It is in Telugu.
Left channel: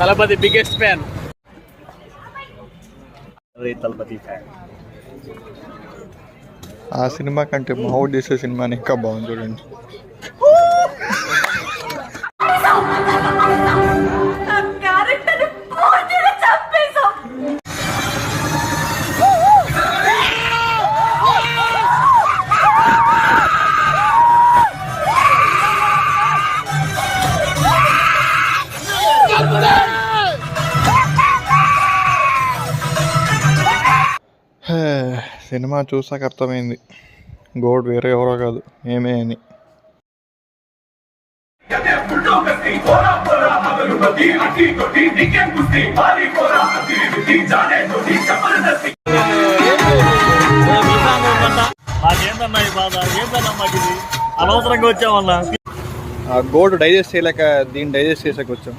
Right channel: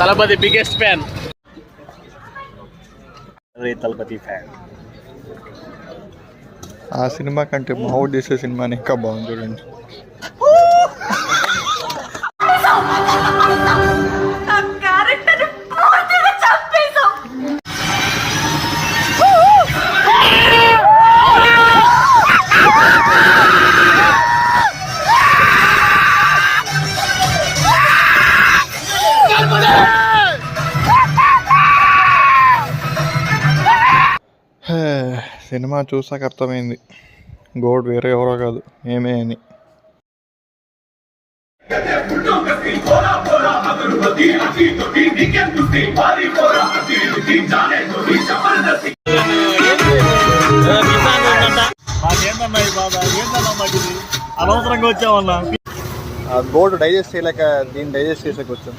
Thalapathy biggest fan. Thalapathy fan. ఆ సినిమా కంటే మావుడు చేసే సినిమాని ఇంకా బాగుంది చూడండి. సినిమా చూసాక అర్థమైంది గోడ్ వేరే ఎవరో కాదు ఏమే అని. అనవసరంగా వచ్చామన్నా. ఆ గోడ్ డైజెస్ట్ చేయలేక దీన్ని డైజెస్ట్ చేసాక వచ్చాం.